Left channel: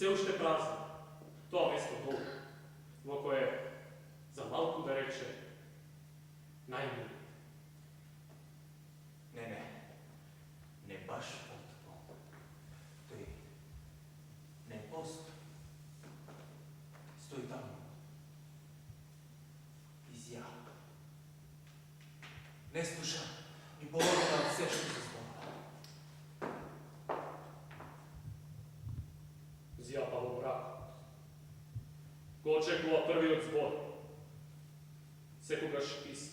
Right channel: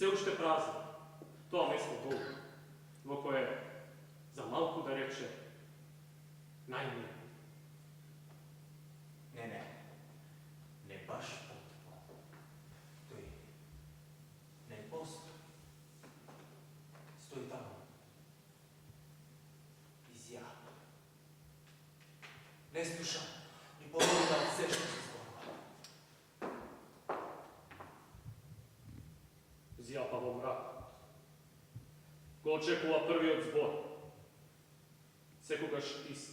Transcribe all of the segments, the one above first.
Все ušte prazno. To mesto dolu, vo koje za malku da reče najmilije. Ne baš potpuno. To je ne postoji. Stoji tamo. Izjava. Ne slušam ni polovina od sve što se zborila. Zjapavo mraku. Ko očekuva prvi od zbora. Sekoga špist.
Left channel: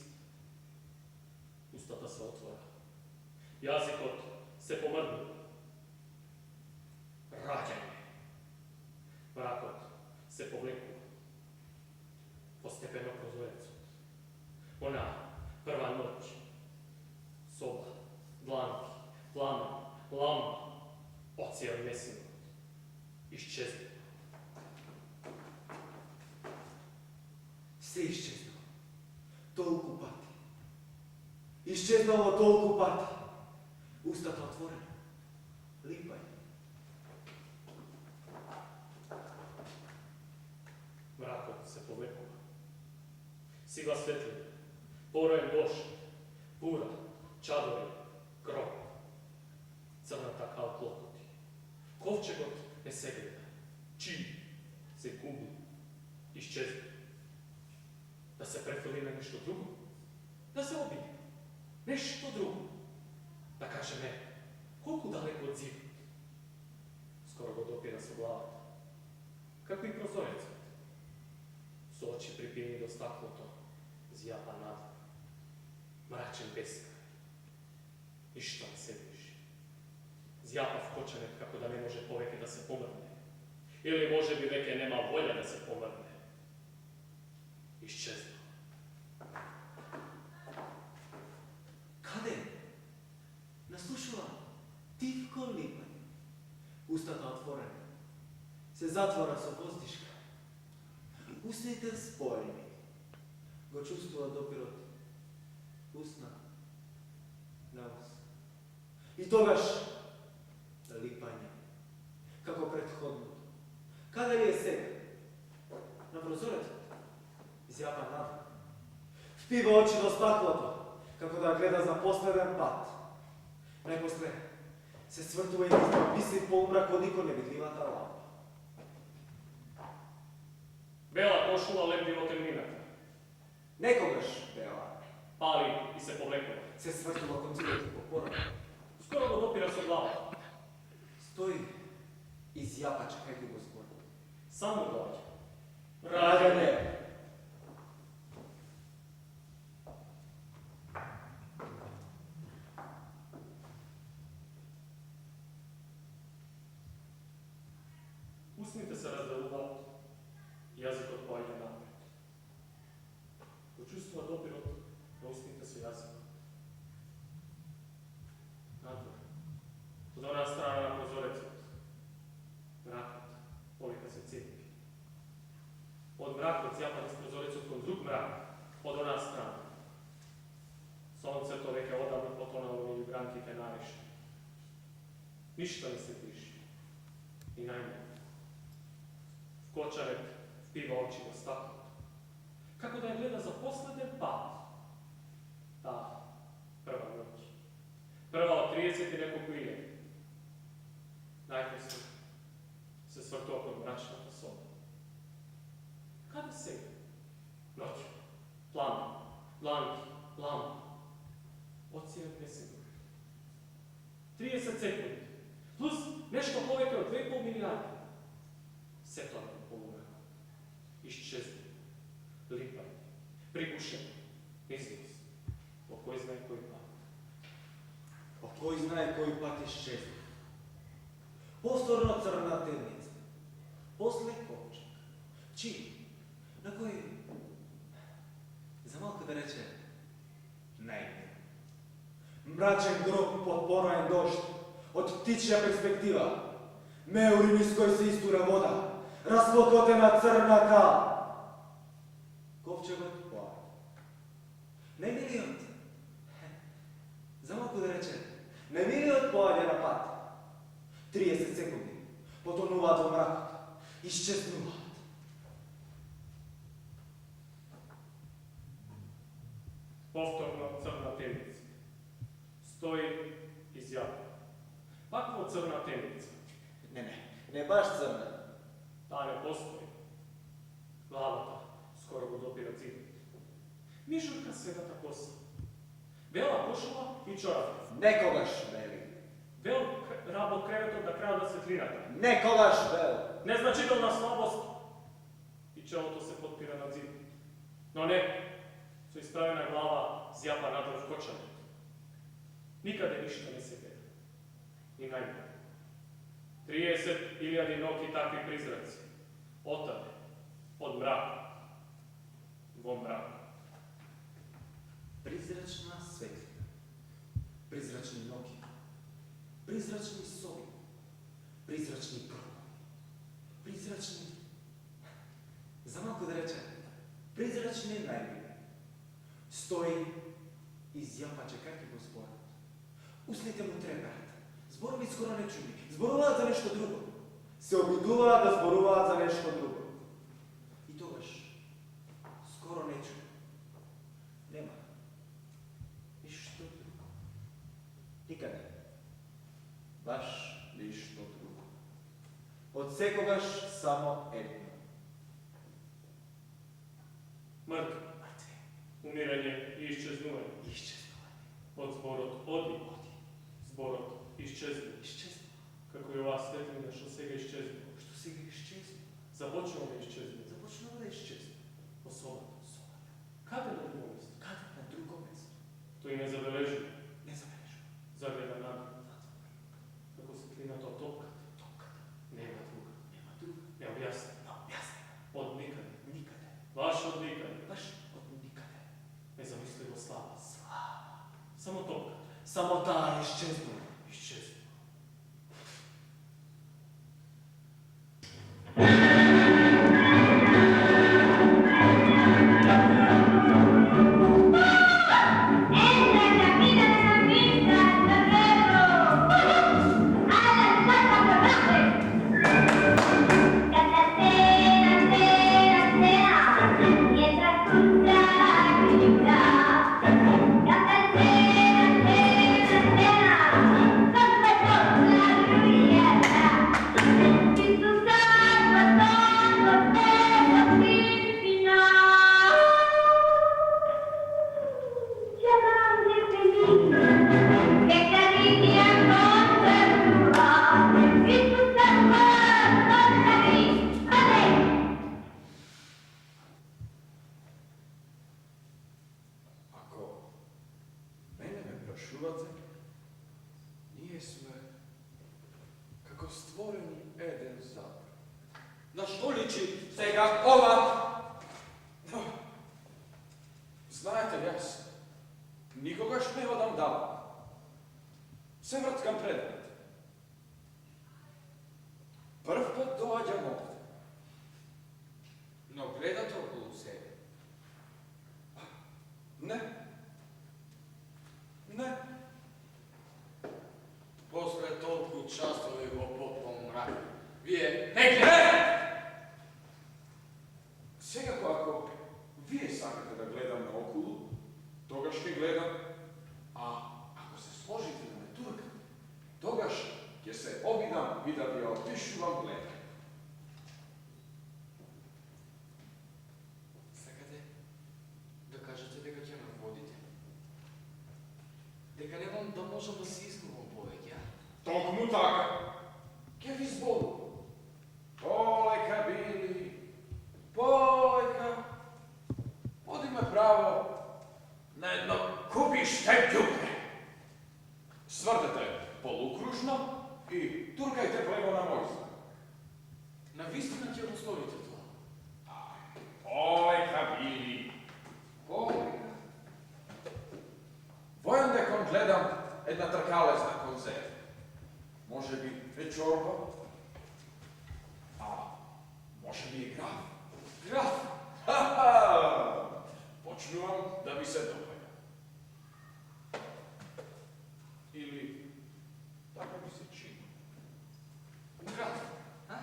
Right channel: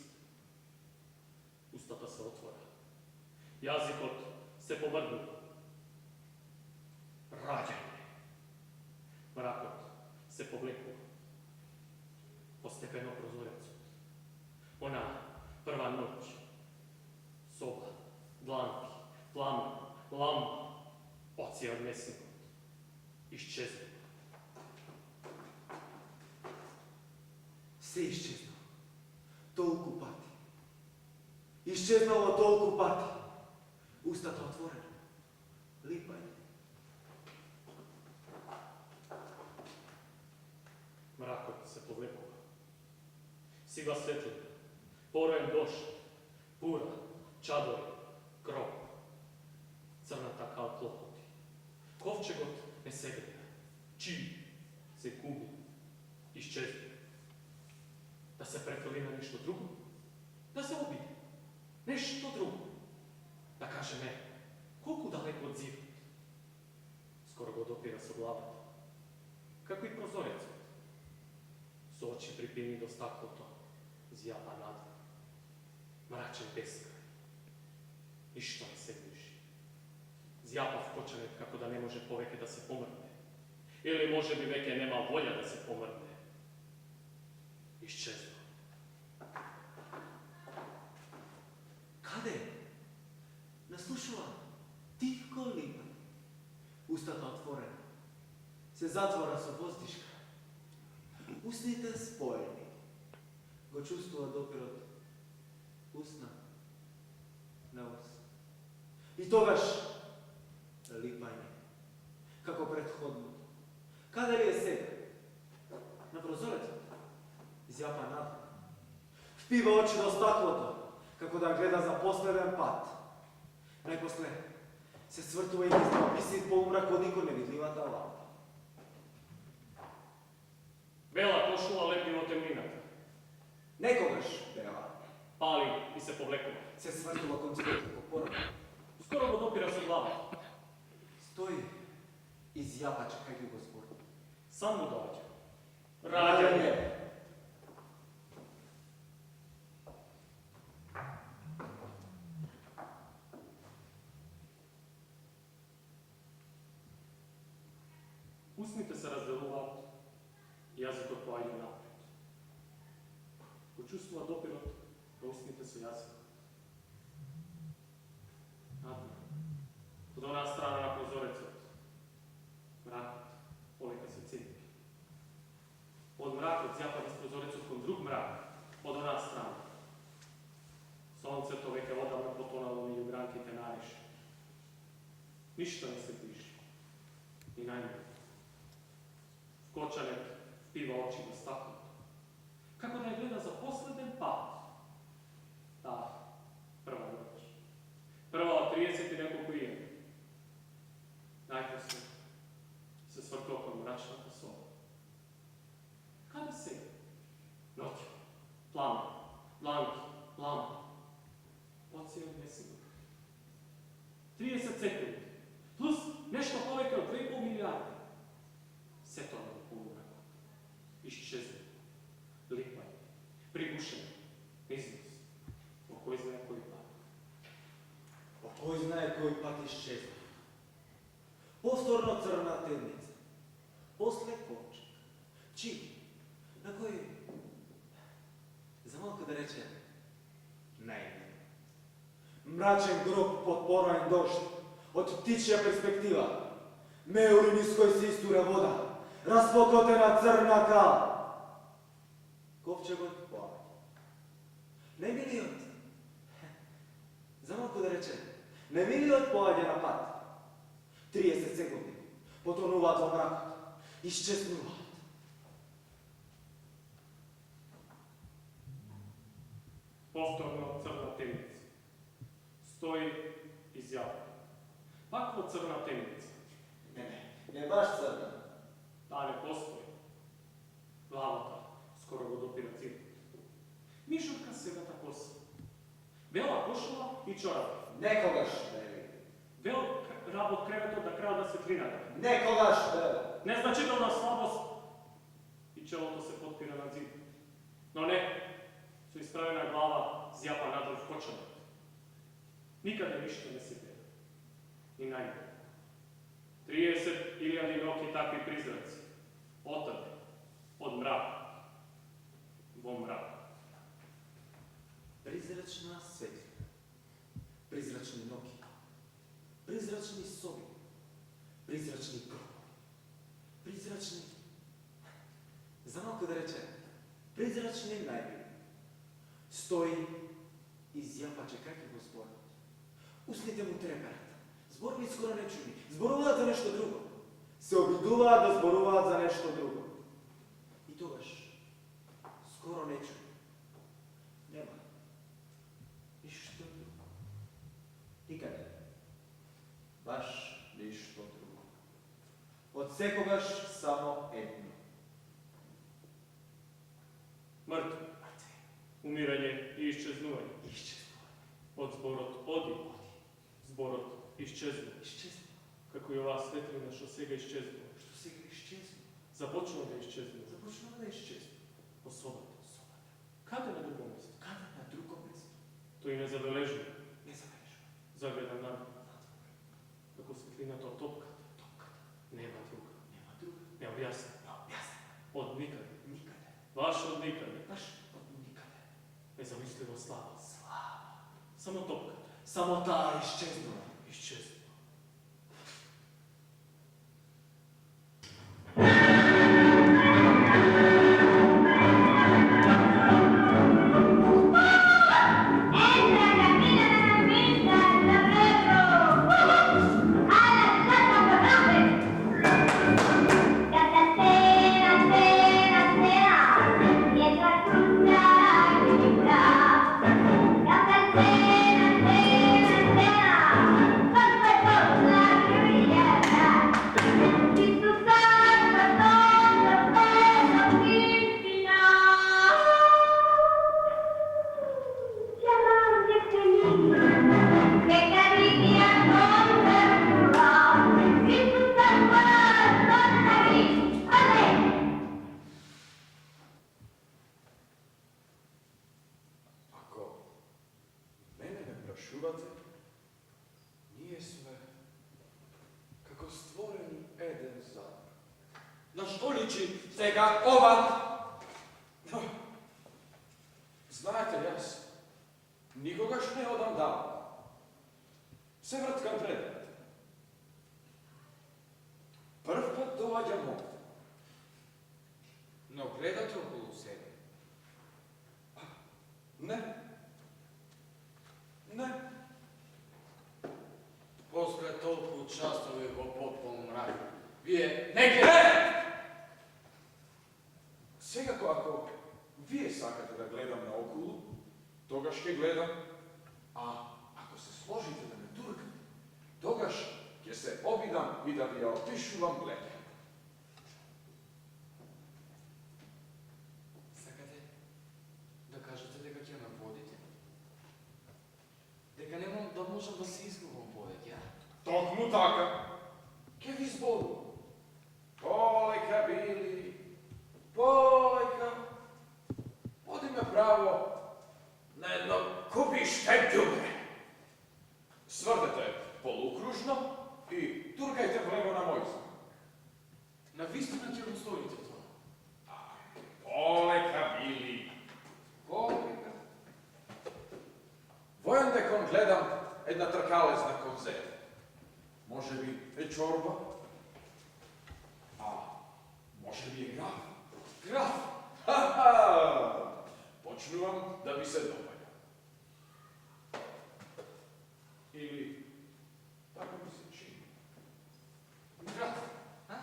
Ustata se otvora. Jazikot se pomrdnu. Rađanje. Mrakot se povleku. Postepeno prozorecu. Ona prva noć. Soba, dlanki, plamen, lampa, ocija od mesingot. Iščeznu. Sve iščeznuo. Tolku pati. Iščeznuo tolku pati. Ustata otvorena. Lipaj. Mrakot se povlekova. Siva svetlina. Porojen došt. Pura. Čadori. Krop. Crnata kal klokoti. Kovčegot ne segreda. Čiji se kubi. Iščeznu. Da se prefili na nešto drugo. Da se obije. Nešto drugo. Da kaže ne. Koliko daleko od zida. Skoro god opira se glavata. Kako i prozorec. S oči pripini do stakloto. Zjapa nadvor. Mračen beskraj. Ništa ne se bliži. Zjapa vkočanet kako da ne može poveke da se pomrne. Ili može bi veke nema volja da se pomrne. Iščezno. Kade? Naslušala tivko lipanje. Ustata otvorena. Se zatvora so vozdiška. Usnite spoljnik. Go čustva dopir od usna na us. I togaš lipanje. Kako prethodno. Kada li je sega? Na prozorec zjapa nadvor. Vpiva oči do stakloto, kako da gleda za posleden pat. Najposle se svrtuje i ispisi polumrak od niko nevidljivata lampa. Bela košula lepljivo temninata. Nekogaš bela. Pali i se povlekova. Se svrtula kod zigot kako porada. Skoro god opira se glava. Stoji i zjapa čekaju go zbor. Samo dođe. Rađanje. Usnite se razdeluvat, jazik otpojanje napred. Počustva dopirot, usnite se jazik. Nadvor. Od ona strana na prozorecu. Mrakot, polika se cijepi. Od mrakot zjapad iz prozorecu kon drug mrak, od ona strana. Sonce to veke odavno potonalo mi ljubranki te nariše. Ništa ne se bliži. I najmanje. Kočaret vpiva oči do stakloto. Kako da je gleda za posleden pad. Ta prva noć. Prva od 30 i nekoliko iljega. Najposlije se svrto kod mračnata soba. Kada sega? Noću. Plamen. Blanki. Lampa. Ocija od mesingu. 30 sekundi. Plus nešto poveke od 2,5 milijarde. Sve to nego polumrako. Iščezno. Lipanje. Prigušeno. Iznos. Po koji znaje koji pat. Po koji znaje koji pat iščezno. Postorno crna temnica. Posle kovčak. Čim? Na koji? Za malko da reče najmjer. Mračen grob pod porojen došt. Od ptičja perspektiva. Meurin iz koj se istura voda. Rasplokotena crna kal. Kovčegot plavi. Ne miliot. Za malko da reče ne miliot poladja na pat. 30 sekundi. Potonuva do mrakot. Izčeznula. Повторно црна темница. Стои изјава. Пакво црна темница. Не баш црна. Таа не постои. Главата скоро го допира цидот. Мишурка седата коса. Бела кошула и чорапи. Некогаш бели. Бел работ креветот на крајот на светлината. Некогаш бело. Незначителна слабост и челото се подпира на зидот. Но не, со исправена глава зјапа надров кочанет. Никаде ништо не се гледа. Ни најме. 30.000 ноки такви призраци. Отаде, од мрака, во мрак. Призрачна светлина. Призрачни ноги. Призрачни соби. Призрачни пронови. Призрачни... За малко да рече, призрачни најмини. Стои и зјапа чекајќи го зборот. Устните му треперат. Зборови скоро не чуми. Зборуваат за нешто друго. Се обидуваат да зборуваат за нешто друго. И тогаш скоро не чуми. Нема. Ништо друго. Никаде. Баш ништо друго. Од секогаш само едно. Мртви, умирање и исчезнување. Исчезнување. Од зборот оди, зборот исчезнува. Исчезнува. Како и оваа светлина што сега исчезнува. Што сега исчезнува. Започнува да исчезнува. Започнува да исчезнува. По собата. Собата. Каде на друго место? Каде на друго место? Тој не забележува. Не забележува. Загледа надвор. Надвор. Како светлината од топката. Топката. Нема друга. Нема друга. Необјаснена. Необјаснена. Од никаде. Никаде. Баш од никаде. Баш од никаде. Незамисливо слава. Слава. Само топката. Само таа исчезнува. Исчезнува. Чувате, ние сме како створени еден зад. На што личи сега ова? Знаете, јас никогаш не одам далеко. Се врткам предвид. Прв пат доаѓам овде. Но гледате околу себе. Не. Не. После толку часови во потпол мрак, вие не гледате! Секако ако вие сакате да гледам наоколу, тогаш ќе гледам, а ако се сложите да ме туркате, тогаш ќе се обидам и да ви ја опишувам гледање. Сакате да кажете дека ќе ме водите? Дека немам да можам да се изгубам повеќе, а? Токму така, ќе ви зборувам. Полека, Били, полека. Води ме право на едно купиште ѓубре. Свртете полукружно и туркајте плего на мој знак. Навистина ќе го сторите тоа. Полека, Били, полека. Војан декон гледам една тркалезна конзерва. Може би е чорба, а може би е граф. Граф! Ха-ха! Почнувам да ви се допаѓа. Или така ми се чини. Граф, а?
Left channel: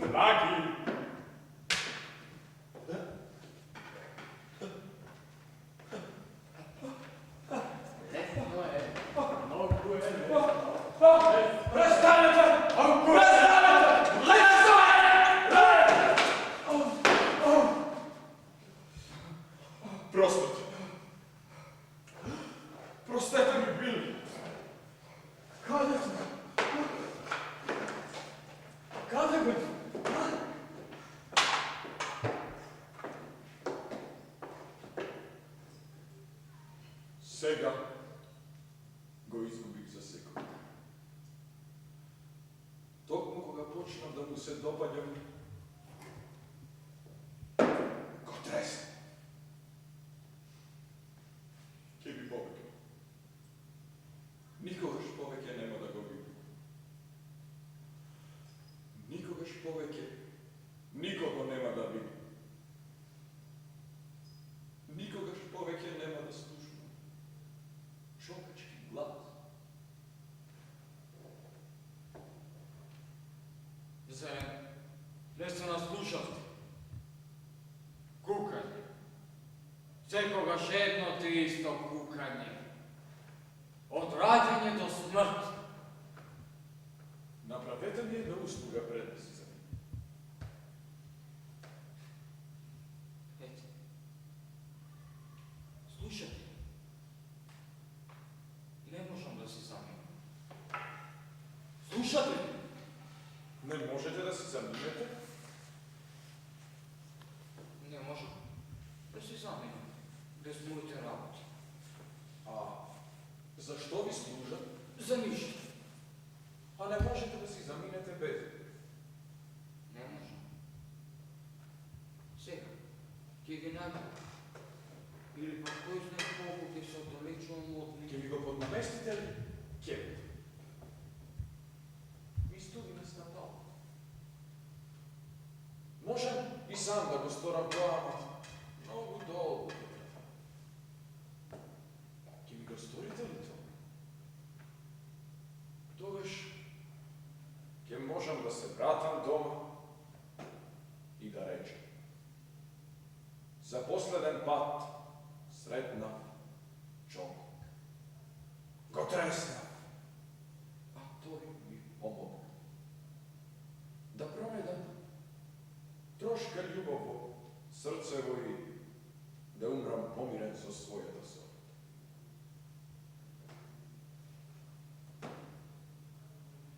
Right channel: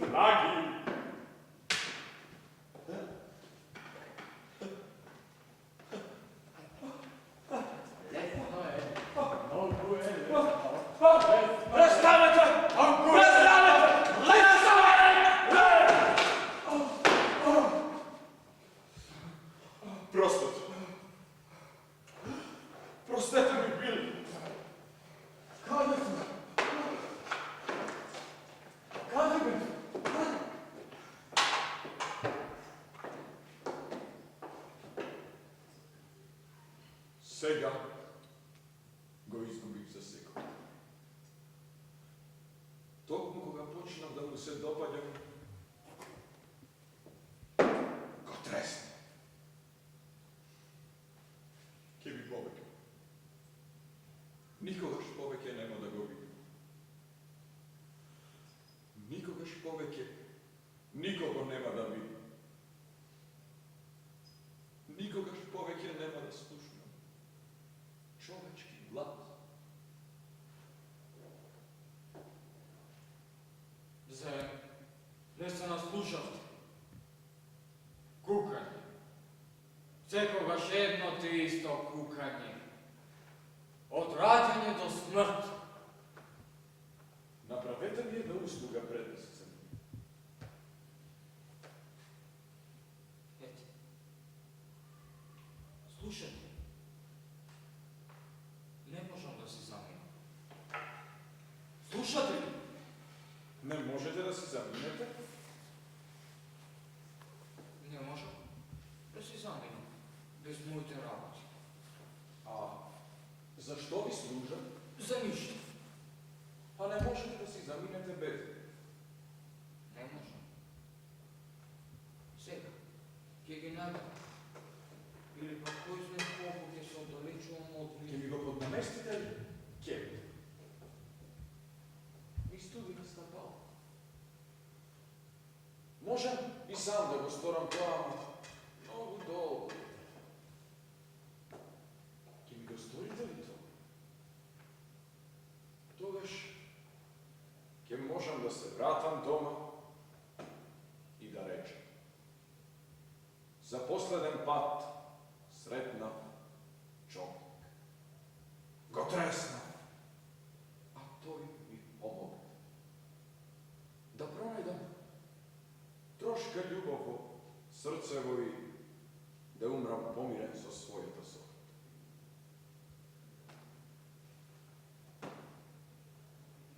dragi. Lesno je, mnogo je lesno. Prestanete! Prestanete! Prostite. Prostete mi, Billy. Kada smo? Kada bi? Сега го изгубих за секунда. Токму кога почнав да му се допаѓам, го тресна. Ке би побегнал. Никогаш повеќе нема да го видим. Никогаш повеќе никого нема да видим. Никогаш повеќе нема да слушнам човечки глас. Зарем, не се наслушавте. Кукање. Секогаш едно те исто кукање. Од раѓање до смрт. Направете ми една услуга пред да се заминем. Ете. Слушате. Не можам да се заминам. Слушате ли? Не можете да се заминете? Не можам да се заминам без моите работи. А зашто ви служат? За ништо. А не можете да си заминете без. Не можам. Сега, ќе ги најдам. Или пак кој знае колку ќе се оддалечувам од Ке нив. ми го поднаместите ли? Ке. Ми студи на стапал. Можам и сам да го сторам тоа, ама многу долго. Ке ми го сторите ли тоа? Тогаш ке можам да се вратам дома и да речем. За последен пат сретнав човек. Го треснав, а тој ми помогна. Да пронедам трошка љубов во срцево и да умрам помирен со својата сорта.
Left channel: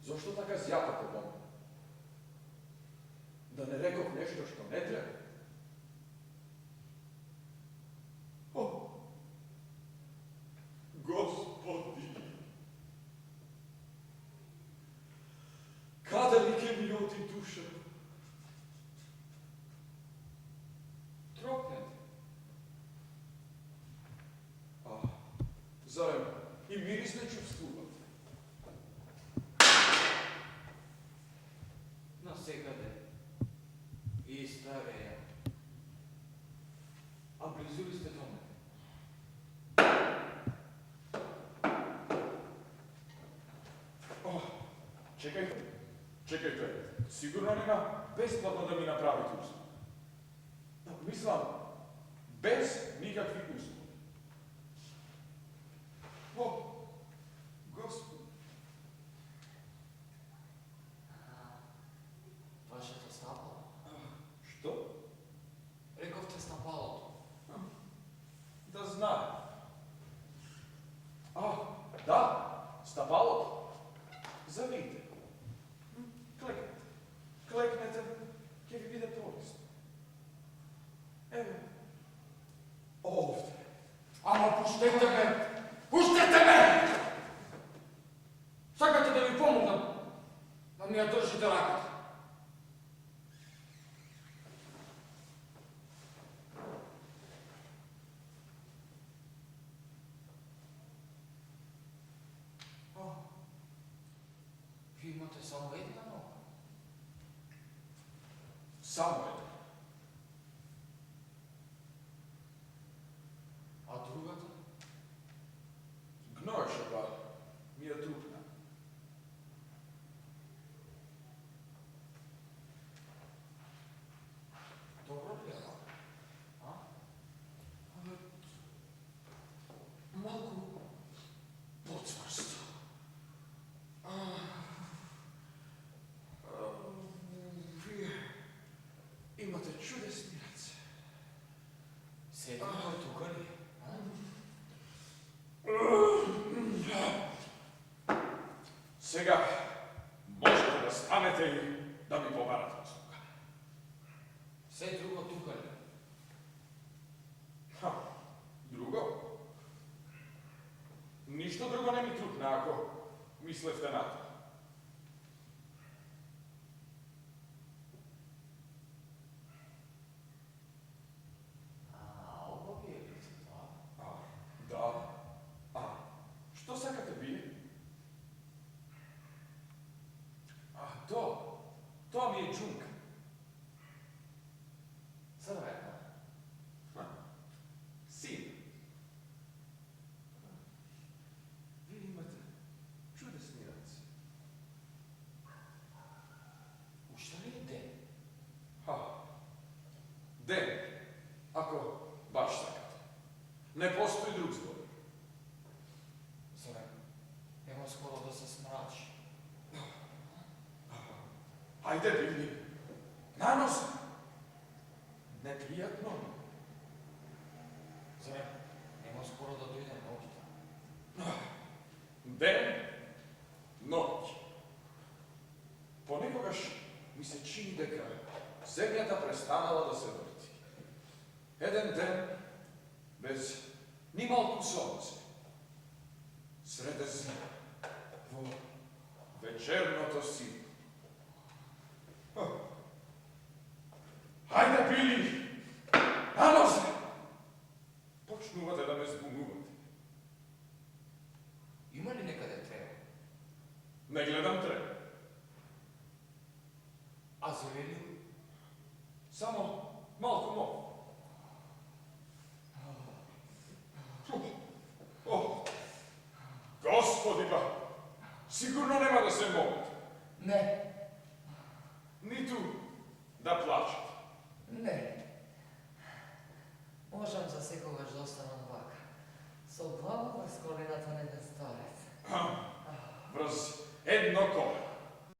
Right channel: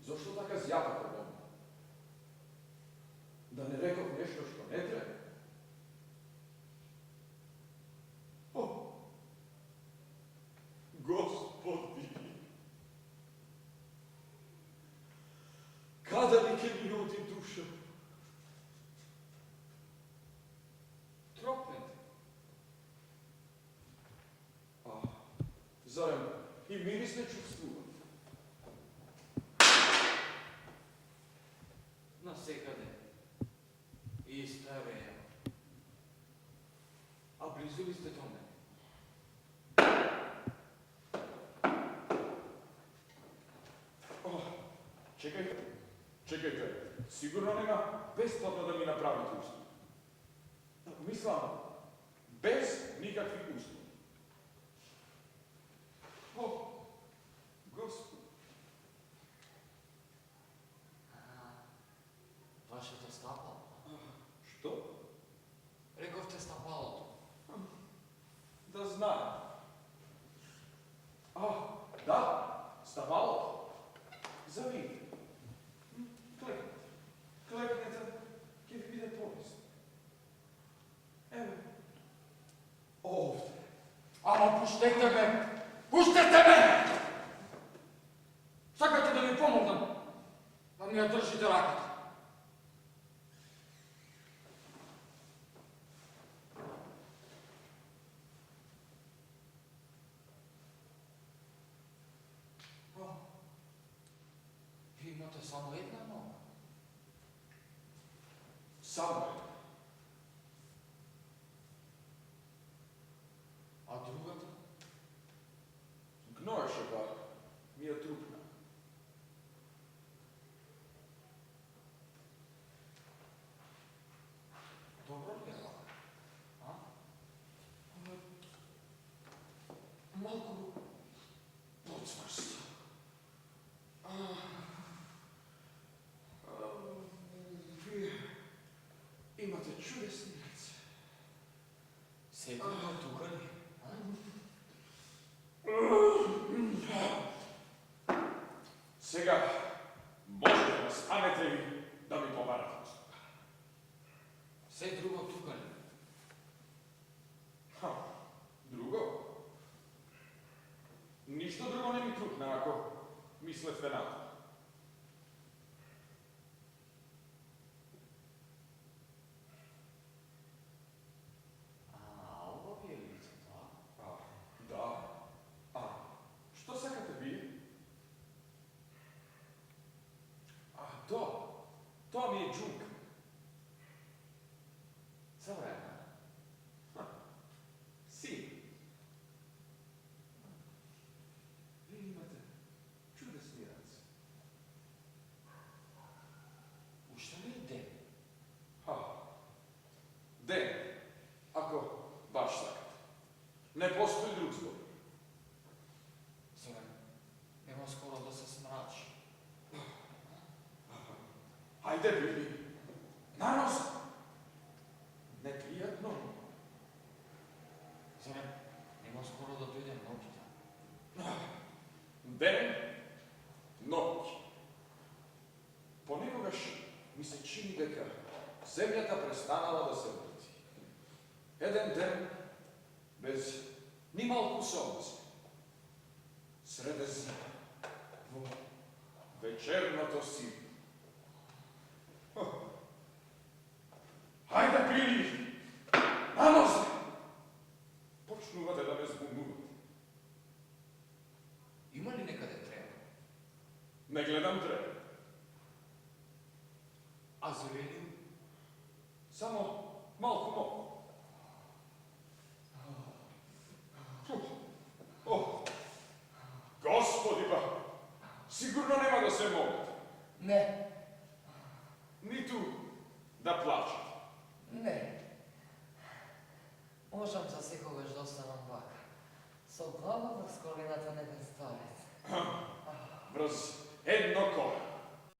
Зошто така зјапате во мене? Да не реков нешто што не треба? О, Господи! Каде ли ке ми оди душа? Тропнете. А, зарем и мирис не чувствува? Насекаде. И стареја. А близу ли сте до мене? О, чекајте, сигурно нема бесплатно да ми направите услуги. Мислам, без никакви услуги. О, Господ, Вашето стапало. што? Рековте стапалото. Да знае. А, да, стапалото. Завидите. Клекнете, ќе ви биде полесно. Еве, овде. Ама пуштете ме! Пуштете ме! Сакате да ви помогнам, да ми ја држите раката. Ви имате само една нога. Само една. А другата? Гноеше па ми ја трупна. čudesni rac. Се друго тука ли? А? Сега можете да станете и да ми побарате услуга. Се друго тука ли? Ха, друго? Ништо друго не ми трукна, ако мислевте на тоа. А, ово ви е лицето, а? А, да. А, што сакате вие? А, тоа ми е джунка. Црвена. Син. Вие имате чудесни раци. Уште ли е ден? Ха. Ден, ако баш сакате. Не постои друг збор. Зоран, нема скоро да се смрачи. Ајде, Били. На нос. Непријатно. Зоран, нема скоро да дојде ноќта. Ден, ноќ. Понекогаш ми се чини дека земјата престанала да се врти. Еден ден без ни малку сонце. Среде зима, во вечерното сиво. Хајде, Били! На нозе! Почнувате да ме збунувате. Има ли некаде треба? Не гледам треба. А зорелио? Само малку мо. О, Господи, па, сигурно нема да се молите. Не, Ниту да плачете. Не. Можам за секогаш да останам вака. Со глава врз колината на еден старец. Врз едно коле.